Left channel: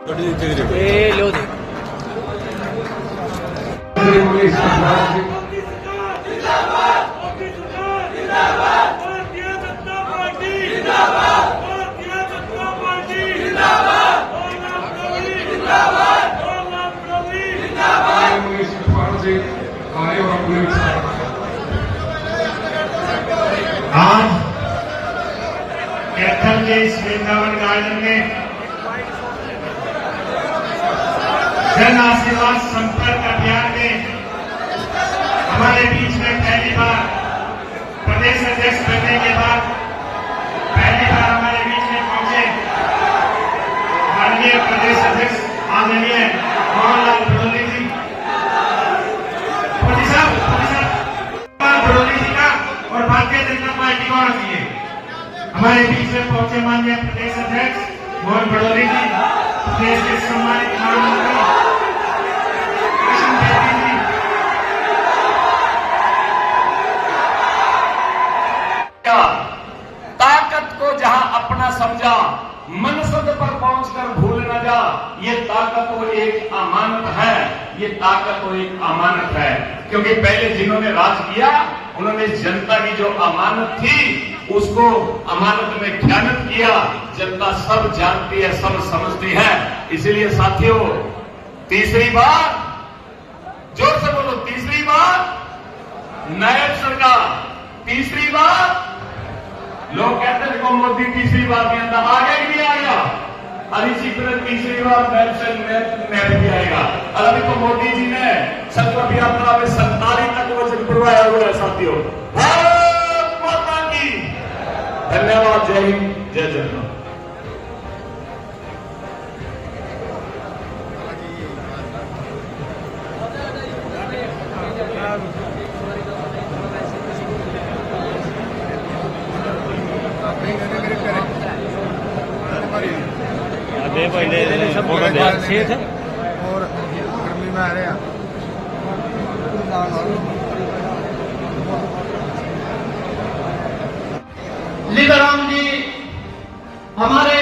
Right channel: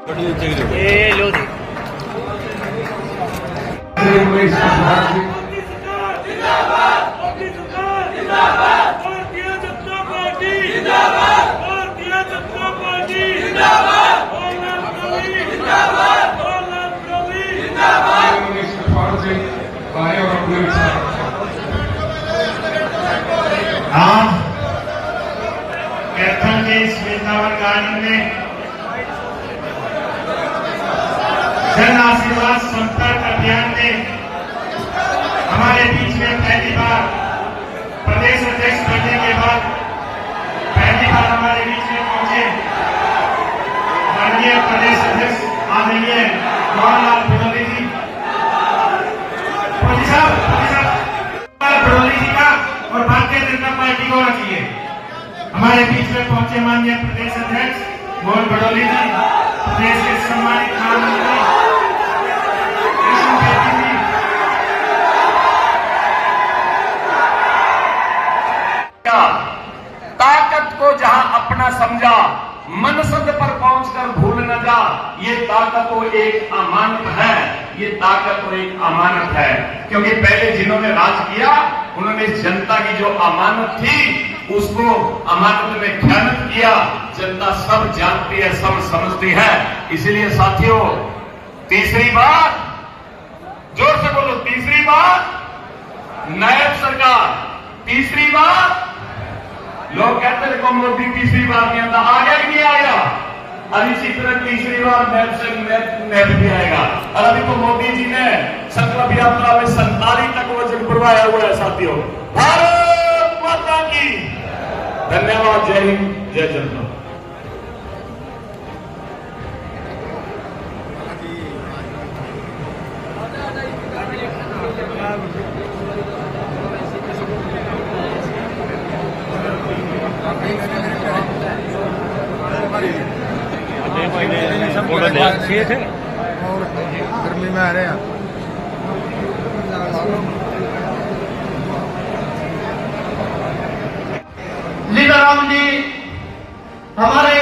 आज कैथल के इस वृंदावन गार्डन में जन आशीर्वाद संपर्क अभियान में हमारे बीच में पहली बार प्रदेश अध्यक्ष बनने के बाद पहली बार हमारे बीच में पहुंचे माननीय प्रदेश अध्यक्ष आदरणीय मोहनलाल भड़ोली जी। भड़ोली जी का और भारतीय जनता पार्टी को रखिए। हमारे बीच में पहुंचे माननीय प्रदेश अध्यक्ष मोहन भड़ोली जी, प्रदेश के सम्मानित महामंत्री ताकत को जहां अपना समझा मनसद पर पहुंचकर भूल न जा। ये ताकत तो एक अमानत है, ये ताकत तो एक अमानत है, क्योंकि पहले जिन्होंने राज किया उन्होंने जनता की जो अमानत थी उसको अमानत में खयानत किया। जनता सब जानती है, सब समझती है। इसलिए साथियों, तीसरी बार, जोर से बोलो, तीसरी बार नायब सरकार, तीसरी बार। लोग कहते हैं को मोदी तीसरी बार नहीं आता, आ गया कि नहीं आएगा? अभी इसी तरह तीसरी बार नैब भी आएगा। अभी तो मोदी जी ने संकल्प यात्रा में 47 तक वचन पुरवाया हुआ है। साथियों, भारत माता की धन्यवाद। जय हिंद, जय जनता। और गर्मी में आ रहे हैं। लीलाराम जी हमारे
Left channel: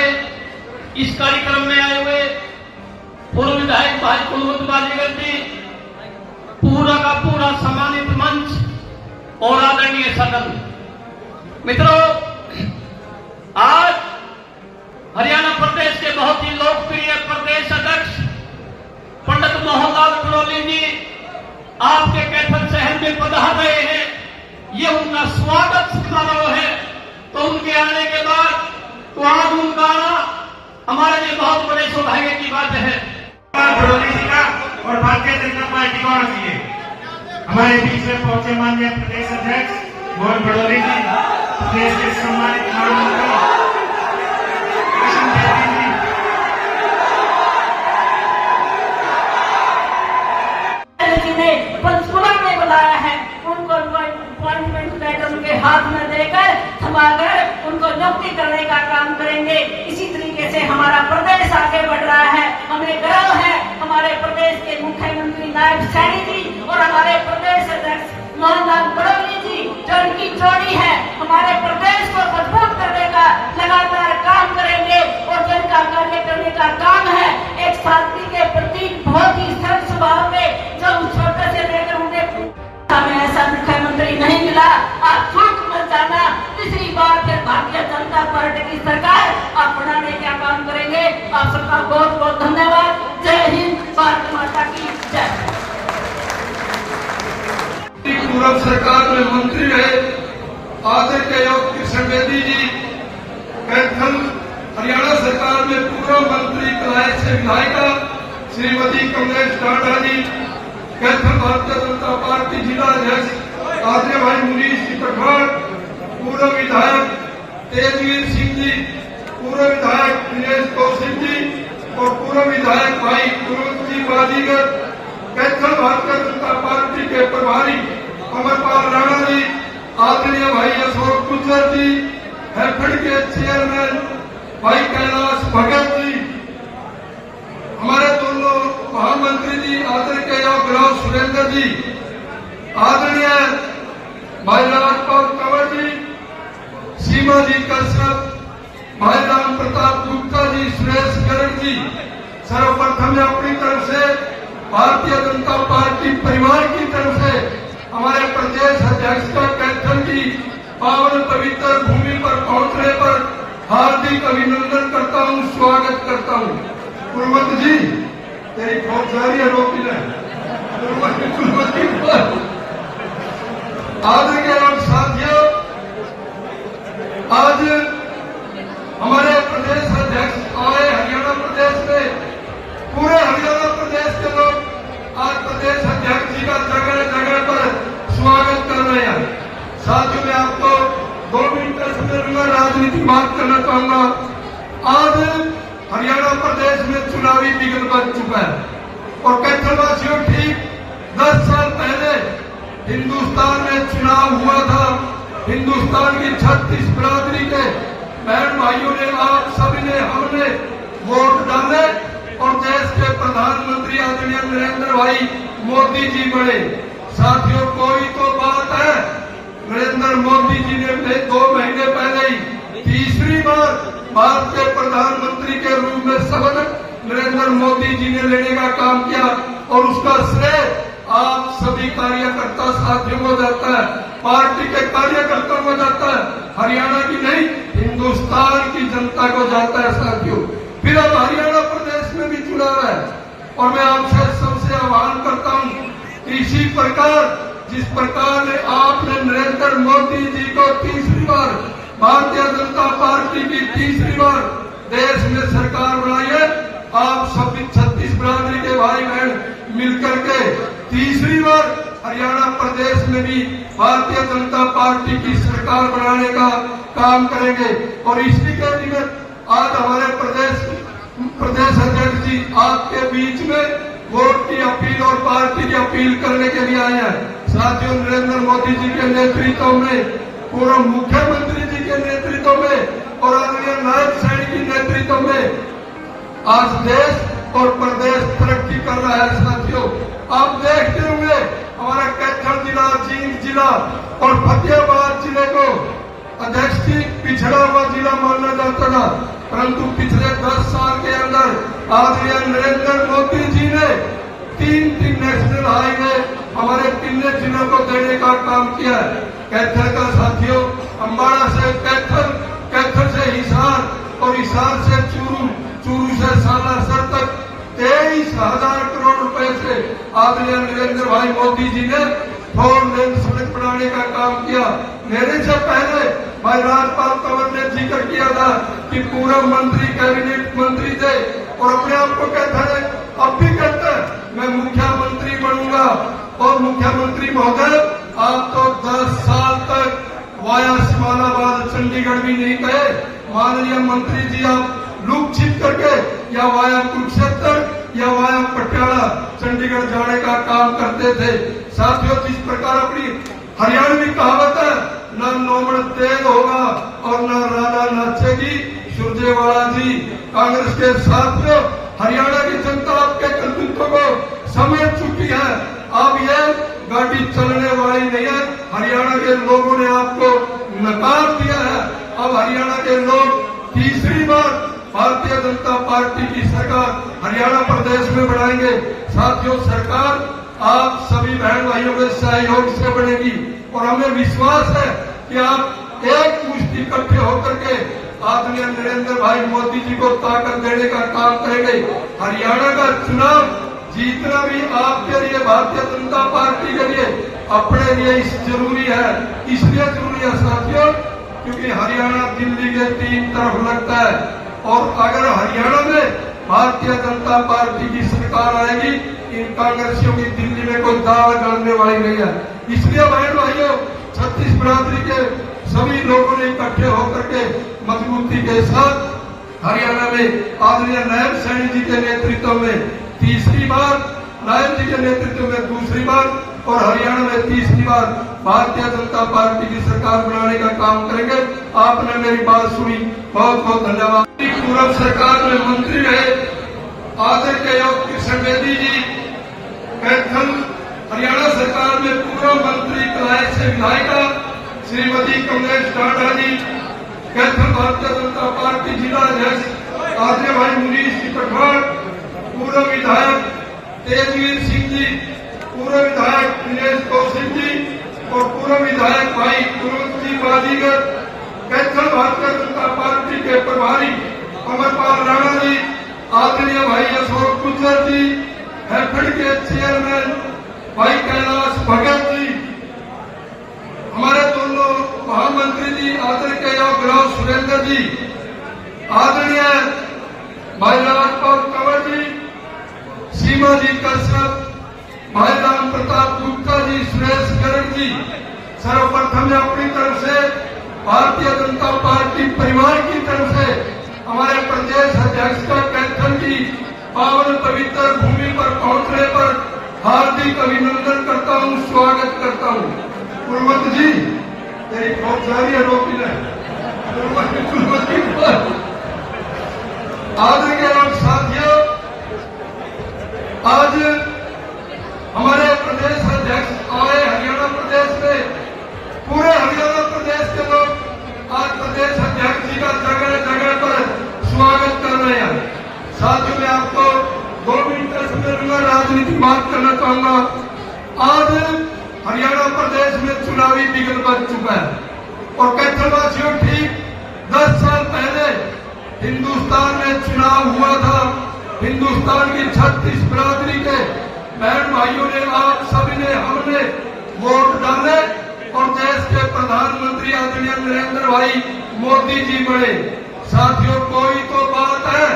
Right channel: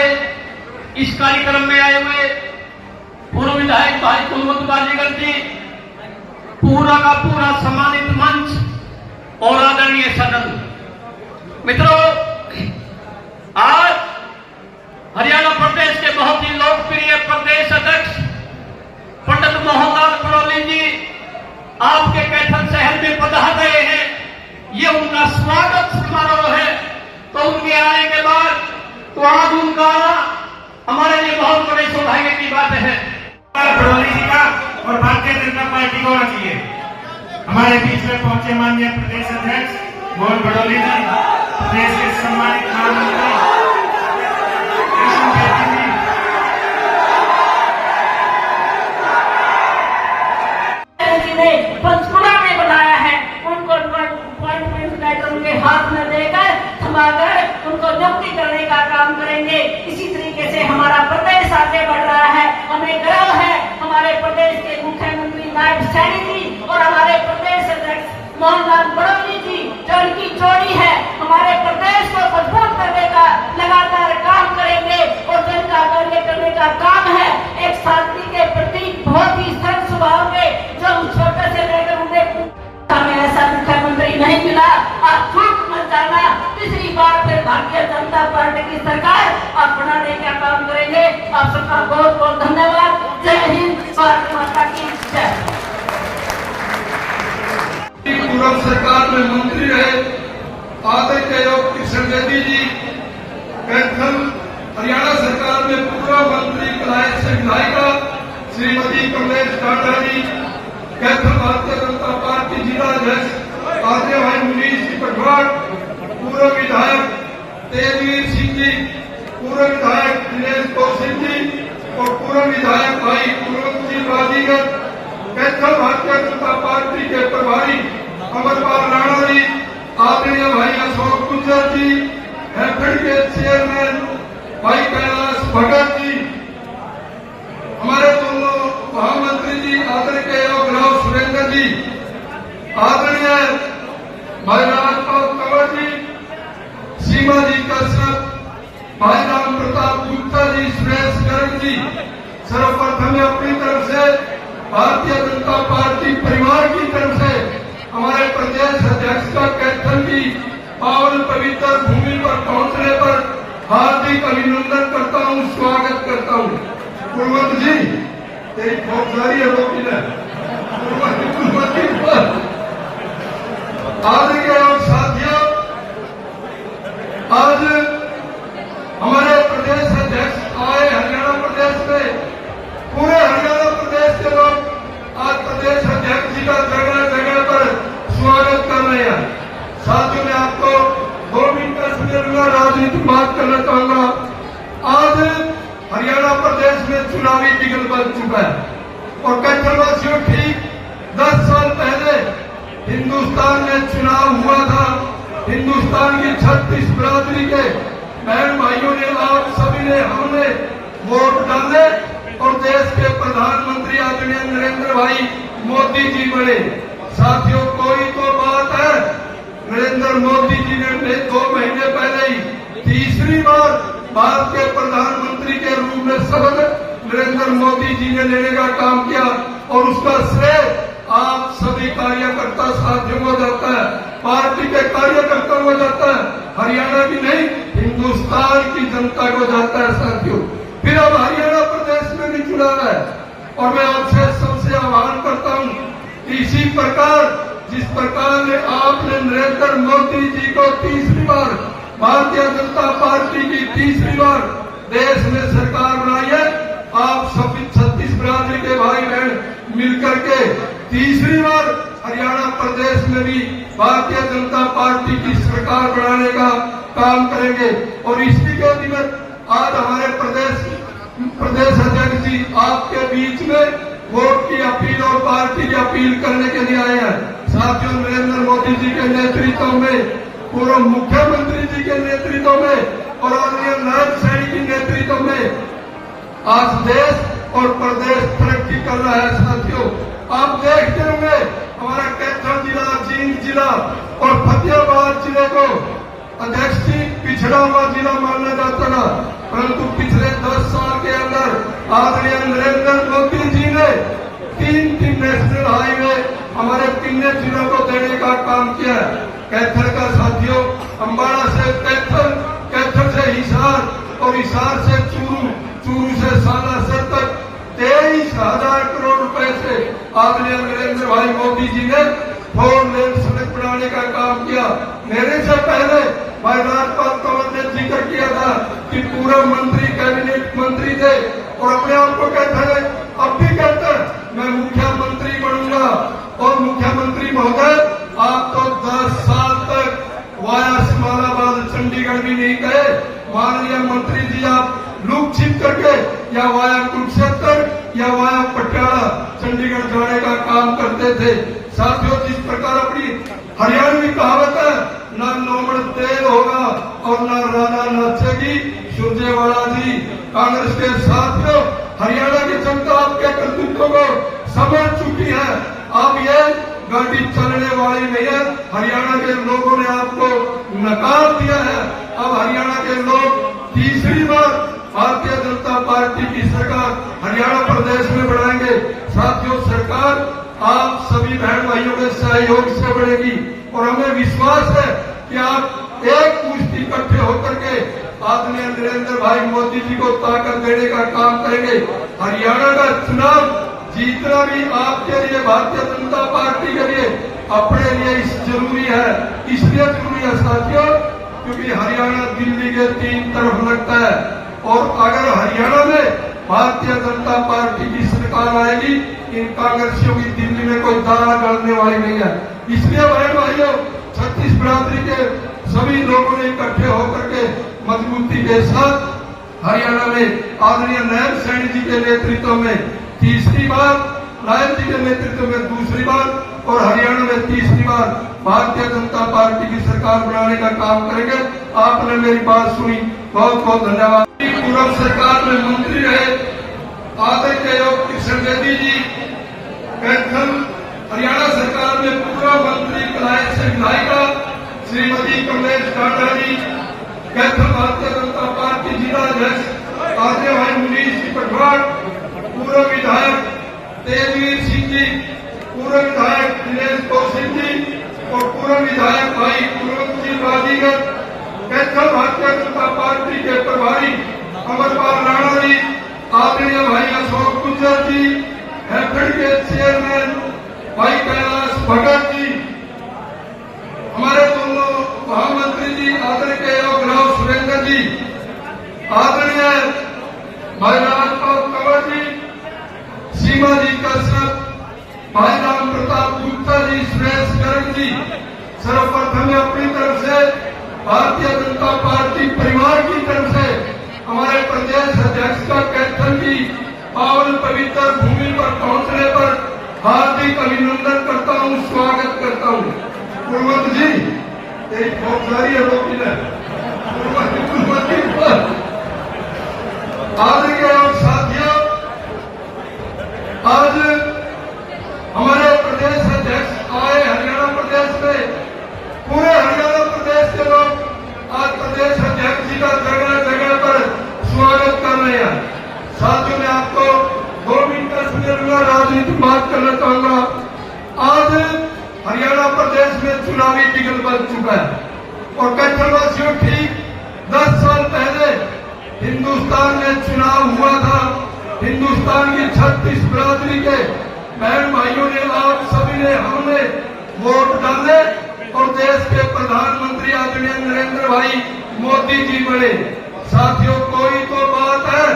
इस कार्यक्रम में आए हुए पूर्व विधायक भाई कुलवंत बाजीगर जी, पूरा का पूरा सम्मानित मंच और आदरणीय सदन। मित्रों, आज हरियाणा प्रदेश के बहुत ही लोकप्रिय प्रदेश अध्यक्ष पंडित मोहनलाल भड़ोली जी आपके कैथल शहर में पधार गए हैं। ये उनका स्वागत समारोह है। तो उनके आने के बाद तो आज उनका हमारे लिए बहुत बड़े सौभाग्य की बात है। भड़ोली जी का और भारतीय जनता पार्टी को रखिए। हमारे बीच में पहुंचे माननीय प्रदेश अध्यक्ष मोहन भड़ोली जी, प्रदेश के सम्मानित महामंत्री पंचकुला में बुलाया है। उनको अपॉइंटमेंट लेटर उनके हाथ में देकर थमाकर उनको नियुक्ति करने का काम करेंगे। इसी तरीके से हमारा प्रदेश आगे बढ़ रहा है। हमें गर्व है हमारे प्रदेश के मुख्यमंत्री नायब सैनी जी और हमारे प्रदेश अध्यक्ष मोहनलाल भड़ोली जी, जो उनकी जोड़ी है, हमारे प्रदेश को मजबूत करने का लगातार काम करेंगे। और जन का करने का काम है। एक साथी के प्रति बहुत ही सरल स्वभाव के, जो छोटे से लेकर उन्हें हमें ऐसा मुख्यमंत्री नहीं मिला। आप झूठ मत जाना, तीसरी बार फिर भारतीय जनता पार्टी की सरकार अपनाने का काम करेंगे। आप सबका बहुत बहुत धन्यवाद। जय हिंद, भारत माता की जय। पूर्व सरकार में मंत्री रहे आदर के योग कृष्ण बेदी जी, कैथल हरियाणा सरकार में पूर्व मंत्री कलाय से विधायिका श्रीमती कमलेश टाटा जी, कैथल भारतीय जनता पार्टी जिला अध्यक्ष आदरणीय भाई मुनीश जी पटवार, पूर्व विधायक तेजवीर सिंह जी, पूर्व विधायक दिनेश कौशिक जी और पूर्व विधायक भाई कुलवंत जी बाजीगर, कैथल भारतीय जनता पार्टी के प्रभारी अमरपाल राणा जी, आदरणीय भाई अशोक गुजर जी, हैफेड के चेयरमैन भाई कैलाश भगत जी, हमारे दोनों महामंत्री जी आदरणीय के योग सुरेंद्र जी, आदरणीय भाई राजपाल कंवर जी, सीमा जी कश्यप, भाई राम प्रताप गुप्ता जी, सुरेश गर्ग जी, सर्वप्रथम मैं अपनी तरफ से भारतीय जनता पार्टी परिवार की तरफ से हमारे प्रदेश अध्यक्ष का कैथल की पावन पवित्र भूमि पर पहुंचने पर हार्दिक अभिनंदन करता हूं, स्वागत करता हूं। पूर्वत जी तेरी बहुत सारी है रोकी ने आदर के और साथियों, आज हमारे प्रदेश अध्यक्ष आए हरियाणा प्रदेश में, पूरे हरियाणा प्रदेश के लोग आज प्रदेश अध्यक्ष जी का जगह जगह पर स्वागत कर रहे हैं। साथियों मैं आपको 2 मिनट का समय दूंगा, राजनीति बात करना चाहूंगा। आज हरियाणा प्रदेश में चुनावी बिगल बन चुका है और कैथलवासियों ठीक 10 साल पहले हिंदुस्तान में चुनाव हुआ था। हिंदुस्तान की 36 बिरादरी के बहन भाइयों ने, आप सभी ने, हमने वोट डाले और देश के प्रधानमंत्री आदरणीय नरेंद्र भाई मोदी जी बने। साथियों कोई तो बात है, नरेंद्र मोदी जी ने 2 महीने पहले ही तीसरी बार भारत के प्रधानमंत्री के रूप में शपथ नरेंद्र मोदी जी ने लेने का काम किया और उसका श्रेय आप सभी कार्यकर्ता साथियों को जाता है, पार्टी के कार्यकर्ताओं को जाता है, हरियाणा की नहीं हिंदुस्तान की जनता को जाता है। साथियों फिर अब हरियाणा प्रदेश में भी चुनाव है और मैं आपसे सबसे आह्वान करता हूं कि इसी प्रकार जिस प्रकार आपने नरेंद्र मोदी जी को तीसरी बार भारतीय जनता पार्टी की तीसरी बार देश में सरकार बनाई है, आप सभी 36 बिरादरी के भाई बहन मिलकर के तीसरी बार हरियाणा प्रदेश में भी भारतीय जनता पार्टी की सरकार बनाने का काम करेंगे। और इसी के निमित्त आज हमारे प्रदेश अध्यक्ष जी आपके बीच में वोट की अपील और पार्टी की अपील करने के लिए आए हैं। साथियों नरेंद्र मोदी जी के नेतृत्व में, पूर्व मुख्यमंत्री जी के नेतृत्व में और आदरणीय नायब सैनी के नेतृत्व में आज देश और प्रदेश तरक्की कर रहा है। साथियों आप देखते होंगे हमारा कैथल जिला, जींद जिला और फतेहाबाद जिले को अध्यक्ष जी पिछड़ा हुआ जिला माना जाता था, परंतु पिछले 10 साल के अंदर आदरणीय नरेंद्र मोदी जी ने 3 नेशनल हाईवे हमारे 3 जिलों को देने का काम किया है। कैथल का साथियों अम्बाड़ा से कैथल, कैथल से हिसार और हिसार से चूरू, चूरू से सालासर तक 23,000 करोड़ रुपए से आदरणीय नरेंद्र भाई मोदी जी ने 4 लेन सड़क बनाने का काम किया। मेरे से पहले भाई राजपाल कंवर ने जिक्र किया था कि पूरे मंत्री कैबिनेट मंत्री थे और अपने आप को कहते हैं, अब भी कहते हैं मैं मुख्यमंत्री बनूंगा। और मुख्यमंत्री महोदय आप तो 10 साल तक वाया सिमालाबाद चंडीगढ़ भी नहीं गए। माननीय मंत्री जी आप लूप छिप करके या वाया कुरुक्षेत्र या वाया पटियाला चंडीगढ़ जाने का काम करते थे। साथियों जिस प्रकार अपनी हरियाणवी कहावत है, न नोबड़ तेल होगा और न राधा नाचेगी, सुरजेवाला जी कांग्रेस के साथियों हरियाणा की जनता आपके कर्तृत्व को समझ चुकी है। अब ये गाड़ी चलने वाली नहीं है, हरियाणा के लोगों ने आपको नकार दिया है। अब हरियाणा के लोग तीसरी बार भारतीय जनता पार्टी की सरकार हरियाणा प्रदेश में बनाएंगे। साथियों सरकार आप सभी बहन भाइयों के सहयोग से बढ़ेगी और हमें विश्वास है कि आप एक मुश्ती इकट्ठे होकर के आदरणीय नरेंद्र भाई मोदी जी को ताकत देने का काम करेंगे। हरियाणा का चुनाव जीतना भी आपके लिए, भारतीय जनता पार्टी के लिए, अपने लिए जरूरी है। इसलिए जरूरी है साथियों क्योंकि हरियाणा दिल्ली के 3 तरफ लगता है और अगर हरियाणा में भारतीय जनता पार्टी की सरकार आएगी, इन कांग्रेसियों की दिल्ली में कोई दाना डालने वाली नहीं है। इसलिए बहन भाइयों 36 बिरादरी के सभी लोगों ने इकट्ठे होकर के मजबूती के साथ हरियाणा में आदरणीय नायब सैनी जी के नेतृत्व में तीसरी बार, नायब जी के नेतृत्व में दूसरी बार और हरियाणा में तीसरी बार भारतीय जनता पार्टी की सरकार बनाने का काम करेंगे। आपने मेरी बात सुनी, बहुत बहुत धन्यवाद। पूर्व सरकार में मंत्री रहे आदर के योग कृष्ण बेदी जी, कैथल हरियाणा सरकार में पूर्व मंत्री कलायत से विधायिका श्रीमती कमलेश टांडा जी, कैथल भारतीय जनता पार्टी जिला अध्यक्ष आदरणीय भाई मुनीष जी पटवार, जी, पूर्व विधायक दिनेश कौशिक जी और पूर्व विधायक भाई कुलवंत जी बाजीगर, कैथल भारतीय जनता पार्टी के प्रभारी अमरपाल राणा जी, आदरणीय भाई अशोक गुज्जर जी, हैफेड के चेयरमैन भाई कैलाश भगत जी, हमारे दोनों महामंत्री जी आदरणीय गुलाब सुरेंद्र जी, आदरणीय भाई राजपाल कंवर जी, सीमा जी कश्यप, भाई राम प्रताप गुप्ता जी, सुरेश गर्ग जी, सर्वप्रथम अपनी तरफ से भारतीय जनता पार्टी परिवार की तरफ से हमारे प्रदेश अध्यक्ष का कैथल की पावन पवित्र भूमि पर पहुंचने पर हार्दिक अभिनंदन करता हूं, स्वागत करता हूं। कुलवंत जी, तेरी बहुत सारी है रोटी है। आदरणीय और साथियों, आज हमारे प्रदेश अध्यक्ष आए हरियाणा प्रदेश में, पूरे हरियाणा प्रदेश के लोग आज प्रदेश अध्यक्ष जी का जगह जगह पर स्वागत कर रहे हैं। साथियों, मैं आपको 2 मिनट का समय दूंगा, राजनीतिक बात करना चाहूंगा। आज हरियाणा प्रदेश में चुनावी बिगल बन चुका है और कैथलवासियों ठीक 10 साल पहले हिंदुस्तान में चुनाव हुआ था। हिंदुस्तान की 36 बिरादरी के बहन भाइयों ने, आप सभी ने, हमने वोट डाले और देश के प्रधानमंत्री आदरणीय नरेंद्र भाई मोदी जी बने। साथियों, कोई तो बात है,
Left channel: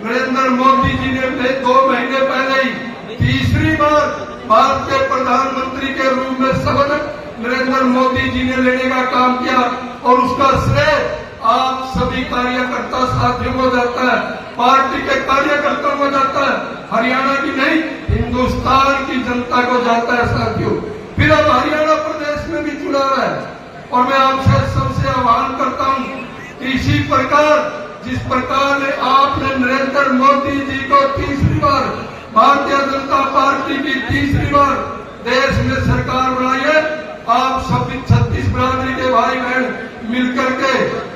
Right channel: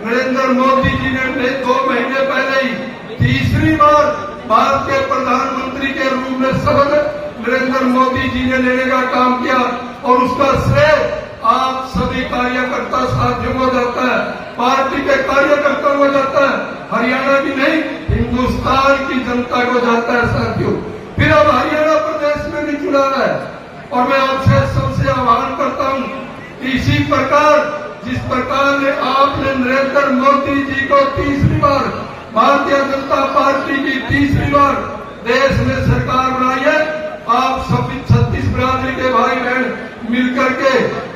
नरेंद्र मोदी जी ने 2 महीने पहले ही तीसरी बार भारत के प्रधानमंत्री के रूप में शपथ नरेंद्र मोदी जी ने लेने का काम किया और उसका श्रेय आप सभी कार्यकर्ता साथियों को जाता है, पार्टी के कार्यकर्ताओं को जाता है, हरियाणा की नहीं हिंदुस्तान की जनता को जाता है। साथियों, फिर अब हरियाणा प्रदेश में भी चुनाव है और मैं आपसे सबसे आह्वान करता हूं कि इसी प्रकार जिस प्रकार आपने नरेंद्र मोदी जी को तीसरी बार, भारतीय जनता पार्टी की तीसरी बार देश में सरकार बनाई है, आप सभी 36 बिरादरी के भाई बहन मिलकर के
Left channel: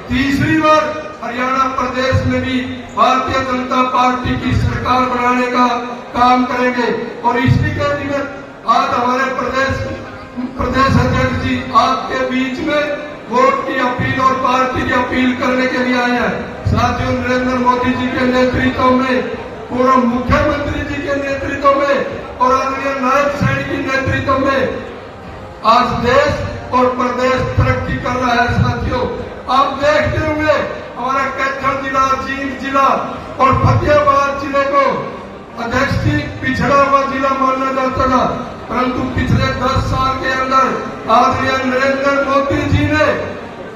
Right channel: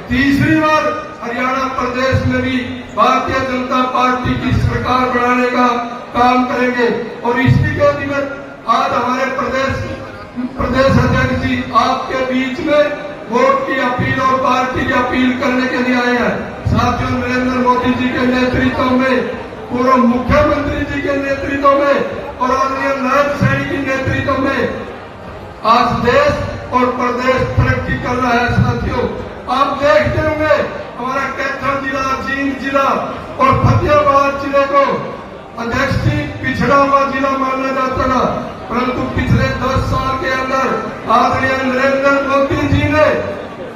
तीसरी बार हरियाणा प्रदेश में भी भारतीय जनता पार्टी की सरकार बनाने का काम करेंगे। और इसी के निमित्त आज हमारे प्रदेश अध्यक्ष जी आपके बीच में वोट की अपील और पार्टी की अपील करने के लिए आए हैं। साथियों, नरेंद्र मोदी जी के नेतृत्व में, पूर्व मुख्यमंत्री जी के नेतृत्व में और आदरणीय नायब सैनी के नेतृत्व में आज देश और प्रदेश तरक्की कर रहा है। साथियों, आप देखते होंगे हमारा कैथल जिला, जींद जिला और फतेहाबाद जिले को अध्यक्ष जी पिछड़ा हुआ जिला माना जाता था, परंतु पिछले 10 साल के अंदर आदरणीय नरेंद्र मोदी जी ने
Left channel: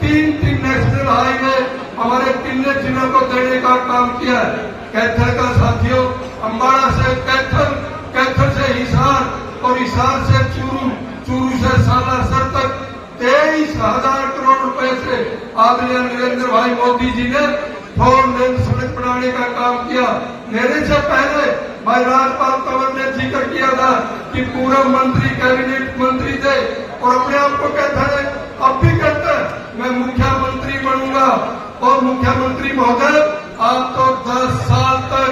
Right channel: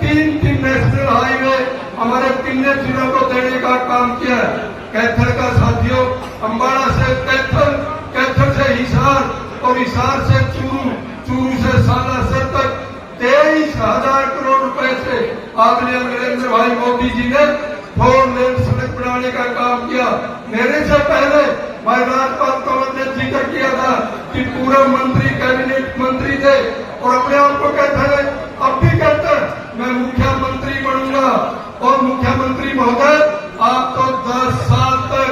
3 नेशनल हाईवे हमारे 3 जिलों को देने का काम किया है। कैथल का साथियों, अम्बाड़ा से कैथल, कैथल से हिसार और हिसार से चूरू, चूरू से सालासर तक 23,000 करोड़ रुपए से आदरणीय नरेंद्र भाई मोदी जी ने 4 लेन सड़क बनाने का काम किया। मेरे से पहले भाई राजपाल कंवर ने जिक्र किया था कि पूरे मंत्री कैबिनेट मंत्री थे और अपने आप को कहते हैं, अब भी कहते हैं मैं मुख्यमंत्री बनूंगा। और मुख्यमंत्री महोदय, आप तो 10 साल तक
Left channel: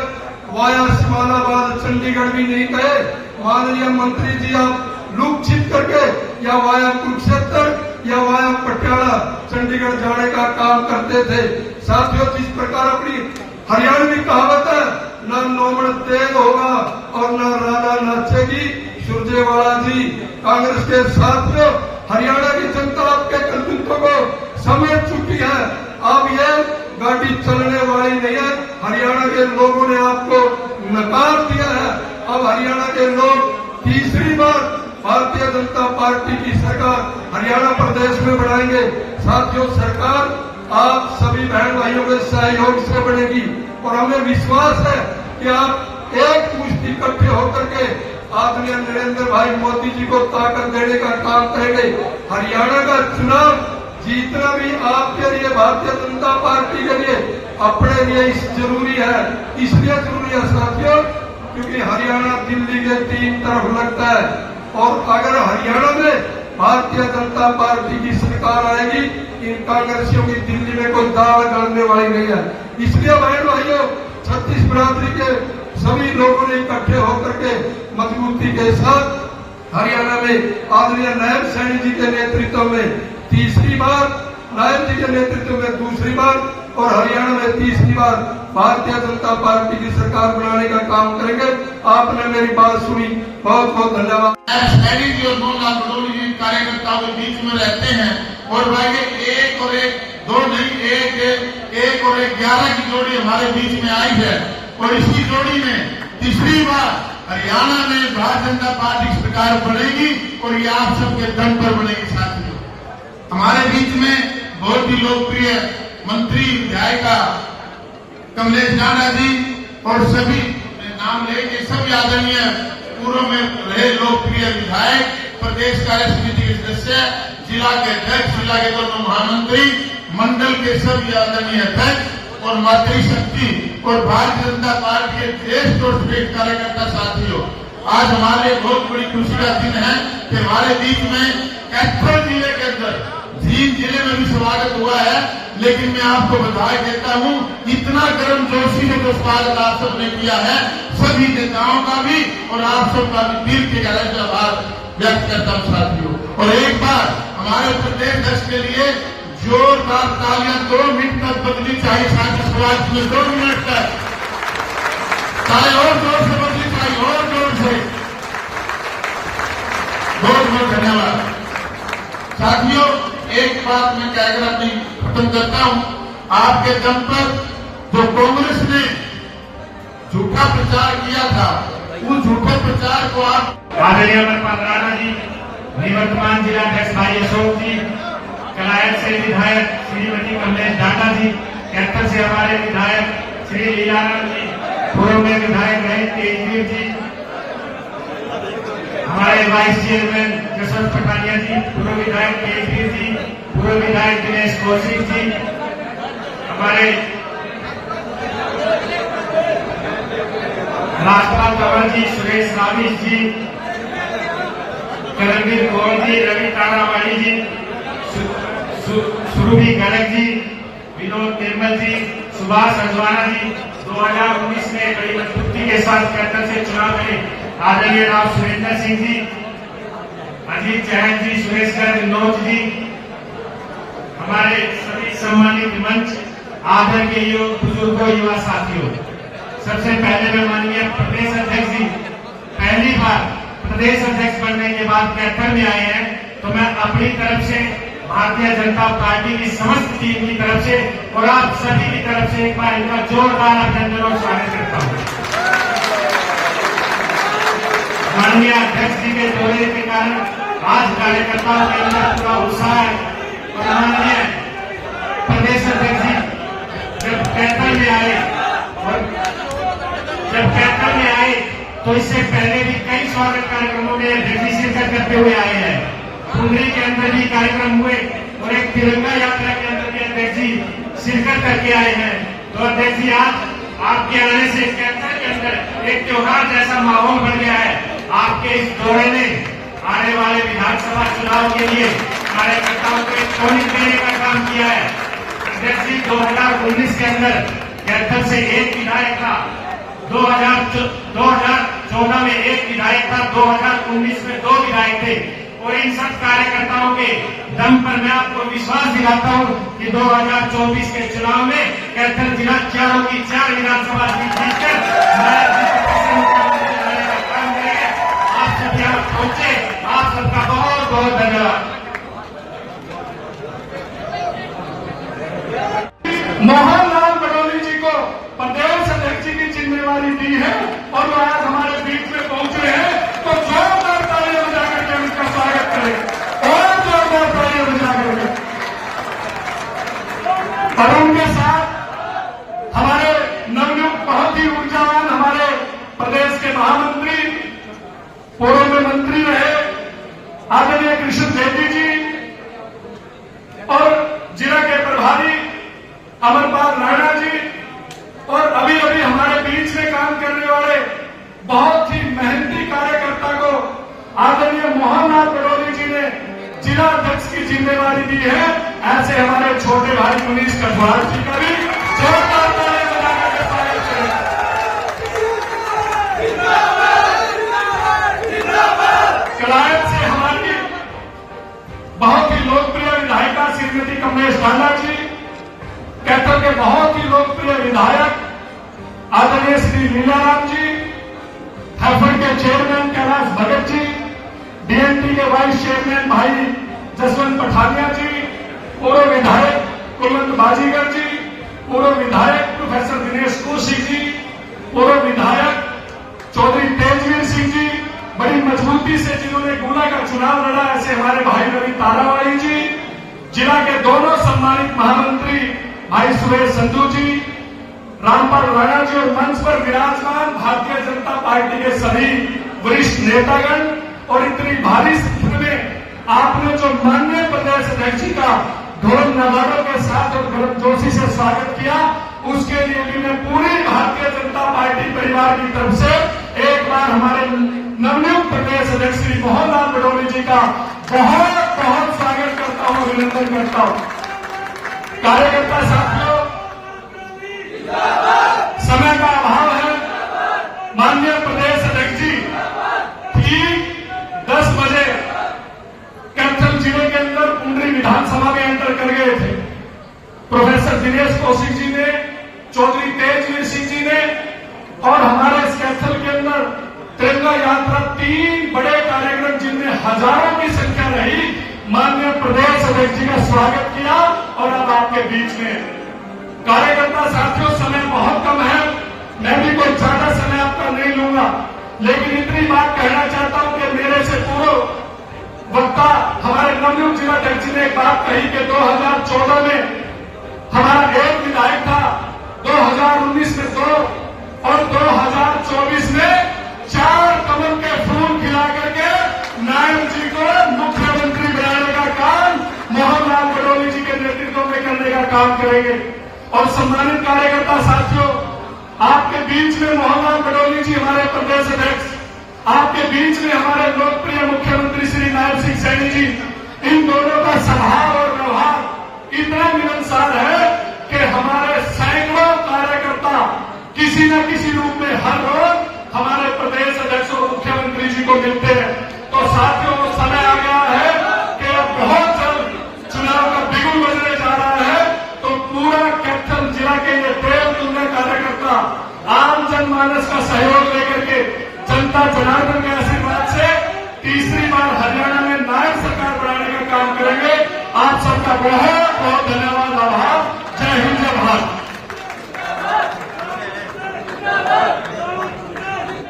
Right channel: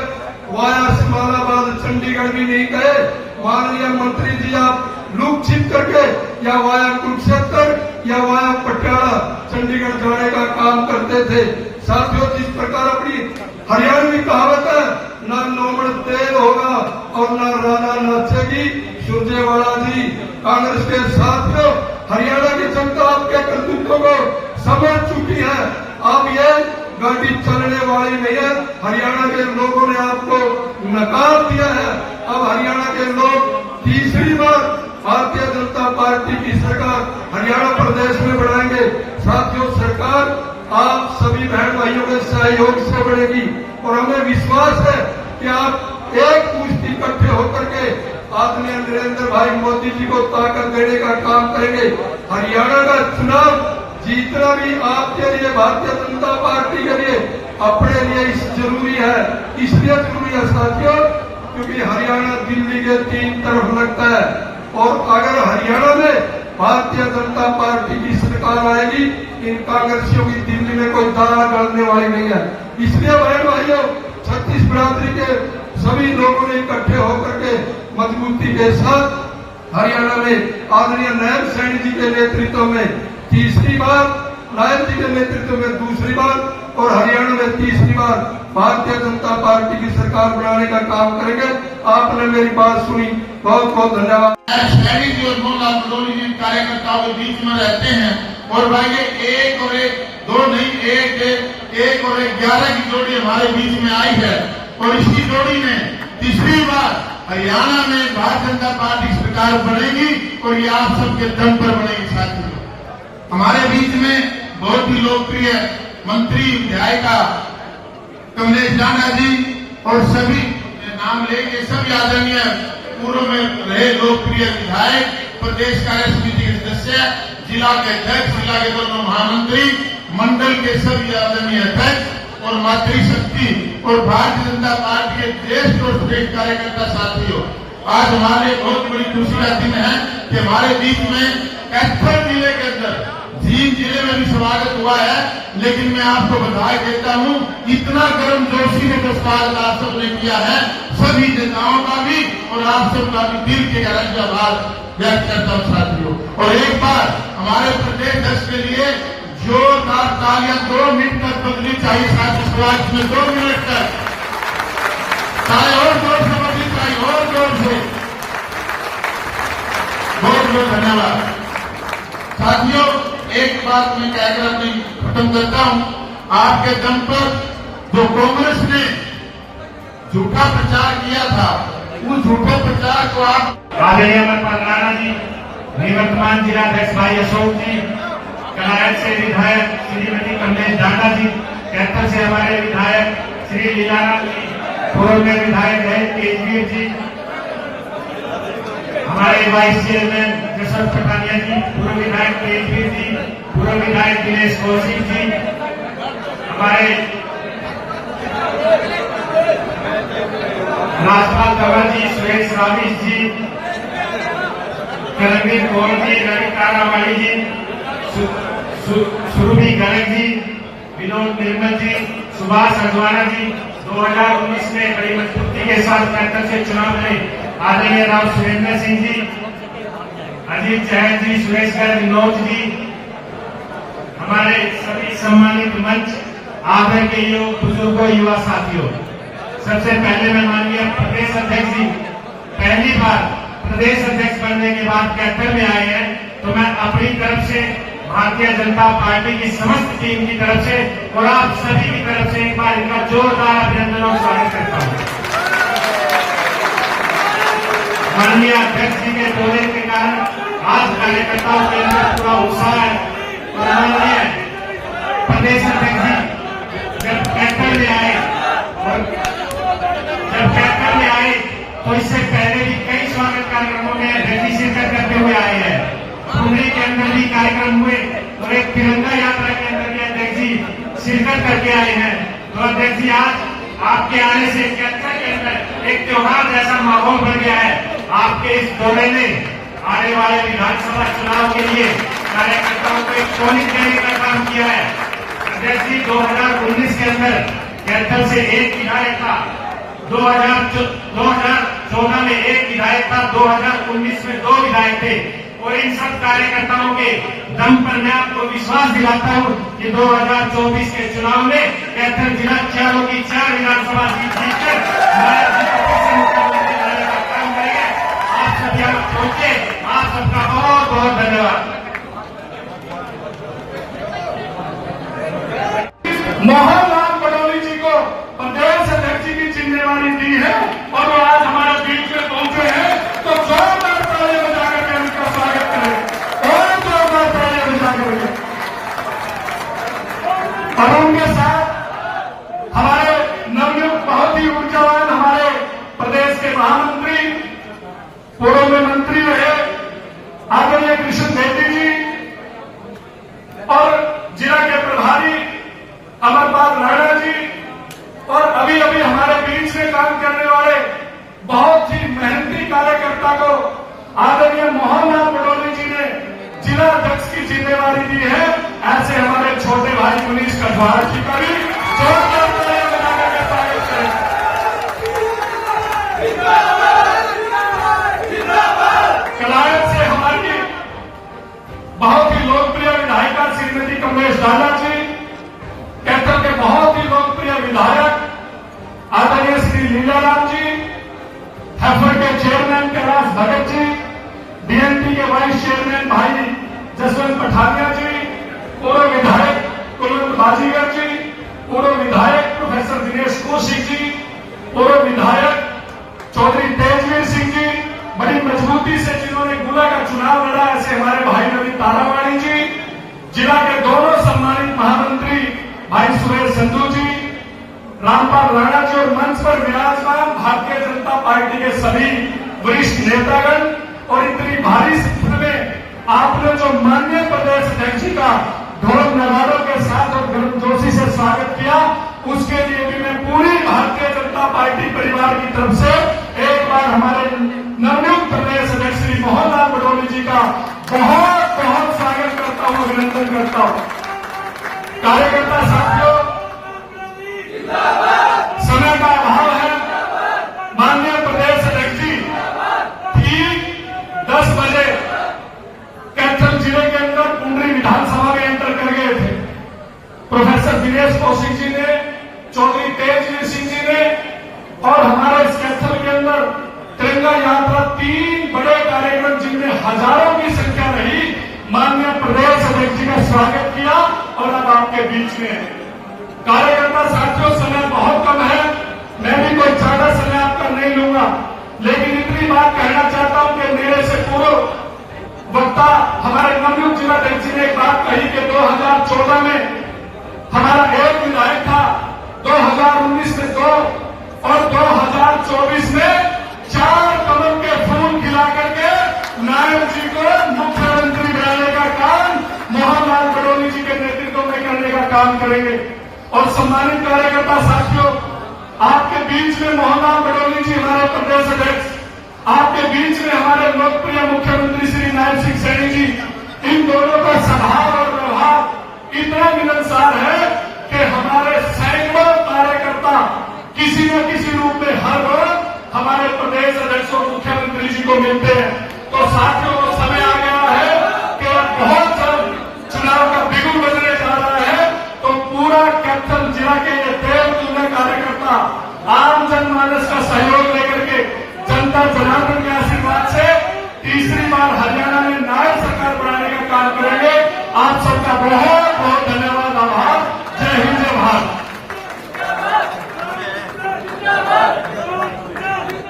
वाया सिमालाबाद चंडीगढ़ भी नहीं गए। माननीय मंत्री जी, आप लूप छिप करके या वाया कुरुक्षेत्र या वाया पटियाला चंडीगढ़ जाने का काम करते थे। साथियों, जिस प्रकार अपनी हरियाणवी कहावत है, ना नोबड़ तेल होगा और ना राना नाचेगी, सुरजेवाला जी कांग्रेस के साथियों, हरियाणा की जनता आपके कर्तृत्व को समझ चुकी है। अब ये गाड़ी चलने वाली नहीं है। हरियाणा के लोगों ने आपको नकार दिया है। अब हरियाणा के लोग तीसरी बार भारतीय जनता पार्टी की सरकार हरियाणा प्रदेश में बनाएंगे। साथियों, सरकार आप सभी बहन भाइयों के सहयोग से बढ़ेगी और हमें विश्वास है कि आप एक मुश्त इकट्ठे होकर के आदरणीय नरेंद्र भाई मोदी जी को ताकत देने का काम करेंगे। हरियाणा का चुनाव जीतना भी आपके लिए, भारतीय जनता पार्टी के लिए, अपने लिए जरूरी है। इसलिए जरूरी है साथियों, क्योंकि हरियाणा दिल्ली के 3 तरफ लगता है और अगर हरियाणा में भारतीय जनता पार्टी की सरकार आएगी, इन कांग्रेसियों की दिल्ली में कोई दाना गलने वाली नहीं है। इसलिए बहन भाइयों, 36 बिरादरी के सभी लोगों ने इकट्ठे होकर के मजबूती के साथ हरियाणा में आदरणीय नायब सैनी जी के नेतृत्व में तीसरी बार, नायब जी के नेतृत्व में दूसरी बार और हरियाणा में तीसरी बार भारतीय जनता पार्टी की सरकार बनाने का काम करेंगे। आपने मेरी बात सुनी, बहुत बहुत धन्यवाद। सैनी जी और मोहनलाल पटोली जी कार्यकर्ताओं के बीच में रहते हैं और भाई ये एक और एक दो नहीं, एक और एक 11 की जोड़ी हमारे बीच में आई है और इसी जोड़ी में तीसरी बार हरियाणा में भारतीय जनता पार्टी की सरकार बनेगी और ये आप सबके दम पर बनेगी। साथियों, हमारे बीच में बहुत ही लोकप्रिय मंत्री विधायिका कमलेश राणा जी और सभी नाम लेके सभी आदरणीय पूर्व में रहे लोकप्रिय विधायक, प्रदेश कार्य समिति के सदस्य, जिला के अध्यक्ष, जिला के दोनों महामंत्री, मंडल के सभी आदरणीय अध्यक्ष और मातृशक्ति और भारतीय जनता पार्टी के श्रेष्ठ और श्रेष्ठ कार्यकर्ता साथियों, आज हमारे बहुत बड़ी खुशी का दिन है कि हमारे बीच में कैथल जिले के अंदर जींद जिले में भी स्वागत हुआ है। लेकिन मैं आपको बधाई देता हूं, इतना गर्म जोशी ने प्रस्ताव आप सबने किया है, सभी नेताओं का भी और आप सबका भी दिल के अलग आभार व्यक्त करता हूं साथियों। और एक बार हमारे प्रदेश अध्यक्ष के लिए जोरदार तालियां 2 मिनट तक बदली चाहिए सियासत में 2 मिनट तक तालियां और जोर से बदली चाहिए और जोर से। बहुत बहुत धन्यवाद साथियों। एक बात मैं कहकर अपनी खत्म करता हूं, आपके दम पर जो कांग्रेस ने झूठा प्रचार किया था, उस झूठे प्रचार को आप आदरणीय अमरपाल राणा जी, निवर्तमान जिलाध्यक्ष भाई अशोक जी, कलायत से विधायक श्रीमती कमलेश दादा जी, कैथल से हमारे विधायक श्री लीलाराम जी, पूर्व में विधायक रहे तेजवीर जी, हमारे वाइस चेयरमैन जसवंत पठानिया जी, पूर्व विधायक तेजवीर जी, पूर्व विधायक दिनेश कौशिक जी, हमारे राजपाल कंवर जी, सुरेश रावीश जी, करमवीर कौर जी, रवि तारावाड़ी जी, सुरभि गर्ग जी, विनोद निर्मल जी, सुभाष अजवाना जी, 2019 में बड़ी मजबूती के साथ कैथल से चुनाव में आदरणीय राव सुरेंद्र सिंह जी, अजीत जैन जी, सुरेश गर्ग, विनोद जी, हमारे सभी सम्मानित मंच, आदर के योग बुजुर्गों, युवा साथियों, सबसे पहले मैं माननीय प्रदेश अध्यक्ष जी पहली बार प्रदेश अध्यक्ष बनने के बाद कैथल में आए हैं, तो मैं अपनी तरफ से भारतीय जनता पार्टी की समस्त टीम की तरफ से और आप सभी की तरफ से एक बार इनका जोरदार अभिनंदन और स्वागत करता हूं। माननीय अध्यक्ष जी के दौरे के कारण आज कार्यकर्ताओं के अंदर पूरा उत्साह है और माननीय प्रदेश अध्यक्ष जी जब कैथल में आए तो इससे पहले भी कई स्वागत कार्यक्रमों में अध्यक्ष शिरकत करते हुए आए हैं। पुंडरी के अंदर भी कार्यक्रम हुए और एक तिरंगा यात्रा के अंदर भी अध्यक्ष जी शिरकत करके आए हैं। तो अध्यक्ष जी आज आपके आने से कैथल के अंदर एक त्योहार जैसा माहौल बन गया है। आपके इस दौरे ने आने वाले विधानसभा चुनाव के लिए कार्यकर्ताओं को एक टोनिक देने का काम किया है। अध्यक्ष जी 2019 के अंदर कैथल से एक विधायक था, 2014 में एक विधायक था, 2019 में 2 विधायक थे और इन सब कार्यकर्ताओं के दम पर मैं आपको विश्वास दिलाता हूं कि 2024 के चुनाव में कैथल जिला 4 की 4 विधानसभा सीट जीतकर काम करेंगे। आप सब यहाँ पहुंचे, आप सबका बहुत बहुत धन्यवाद। मोहनलाल पटोली जी को प्रदेश अध्यक्ष की जिम्मेवारी दी है और वो आज हमारे बीच में पहुंचे हैं, तो जोरदार तालियां बजाकर के उनका स्वागत करें और जोरदार तालियां बजाकर। और उनके साथ हमारे नवयुक्त बहुत ही ऊर्जावान हमारे प्रदेश के महामंत्री, पूर्व में मंत्री रहे आदरणीय कृष्ण रेड्डी जी और जिला के प्रभारी अमरपाल राणा जी और अभी अभी हमारे बीच में काम करने वाले बहुत ही मेहनती कार्यकर्ता को आदरणीय मोहनलाल पटोली जी ने जिला अध्यक्ष की जिम्मेवारी दी है। ऐसे हमारे छोटे भाई मनीष कटवाल जी का भी जोरदार तालियां बजाकर स्वागत करें। के चेयरमैन कैलाश भगत जी, बीएनपी के वाइस चेयरमैन भाई जसवंत पठानिया जी, पूर्व विधायक कुलवंत बाजीगर जी, पूर्व विधायक प्रोफेसर दिनेश कौशिक जी, पूर्व विधायक चौधरी तेजवीर सिंह जी, बड़ी मजबूती से जिन्होंने गुना का चुनाव लड़ा, ऐसे हमारे भाई रवि तारावाड़ी जी, जिला के दोनों सम्मानित महामंत्री भाई सुरेश संधू जी, रामपाल राणा जी और मंच पर विराजमान भारतीय जनता पार्टी के सभी वरिष्ठ नेतागण, और इतनी भारी संख्या में आपने जो माननीय प्रदेश अध्यक्ष जी का ढोल नगाड़ों के साथ और गर्मजोशी से स्वागत किया, उसके लिए भी मैं पूरी भारतीय जनता पार्टी परिवार की तरफ से एक बार हमारे नवनियुक्त प्रदेश अध्यक्ष श्री मोहन राम बडोली जी का बहुत बहुत स्वागत करता हूं, अभिनंदन करता हूं। कार्यकर्ता साथियों, समय का अभाव है। माननीय प्रदेश अध्यक्ष जी ठीक 10 बजे कैथल जिले के अंदर कुंडली विधानसभा में एंटर कर गए थे। प्रोफेसर दिनेश कौशिक जी ने, चौधरी तेजवीर सिंह जी ने और हमारे इस कैथल के अंदर तिरंगा यात्रा 3 बड़े कार्यक्रम जिनमें हजारों की संख्या रही, माननीय प्रदेश अध्यक्ष जी का स्वागत किया और अब आपके बीच में कार्यकर्ता साथियों, समय बहुत कम है, मैं भी कोई ज्यादा समय आपका नहीं लूंगा, लेकिन इतनी बात कहना चाहता हूं कि मेरे से पूर्व वक्ता हमारे नवनियुक्त जिलाध्यक्ष जी ने एक बात कही कि 2014 में हमारा एक विधायक था, 2019 में 2 और 2024 में 4 कमल के फूल खिला करके नायब जी को मुख्यमंत्री बनाने का काम मोहन लाल बडोली जी के नेतृत्व में करने का काम करेंगे। और सम्मानित कार्यकर्ता साथियों, आपके बीच में मोहन लाल बडोली जी हमारे प्रदेश अध्यक्ष, आपके बीच में हमारे लोकप्रिय मुख्यमंत्री श्री नायब सिंह सैनी जी, इन दोनों का स्वभाव और प्रभाव इतना मिलनसार है कि हमारे सैकड़ों कार्यकर्ता किसी न किसी रूप में हर रोज हमारे प्रदेश अध्यक्ष और मुख्यमंत्री जी को मिलते हैं। तो साथियों को समय आ गया है कि अब बहुत जल्द चुनाव का बिगुल बजने जा रहा है, तो पूरा कैथल जिला के ये देव तुल्य कार्यकर्ता आम जनमानस का सहयोग लेकर के जनता जनार्दन के आशीर्वाद से तीसरी बार हरियाणा में नायब सरकार बनाने का काम करेंगे। आप सबका बहुत बहुत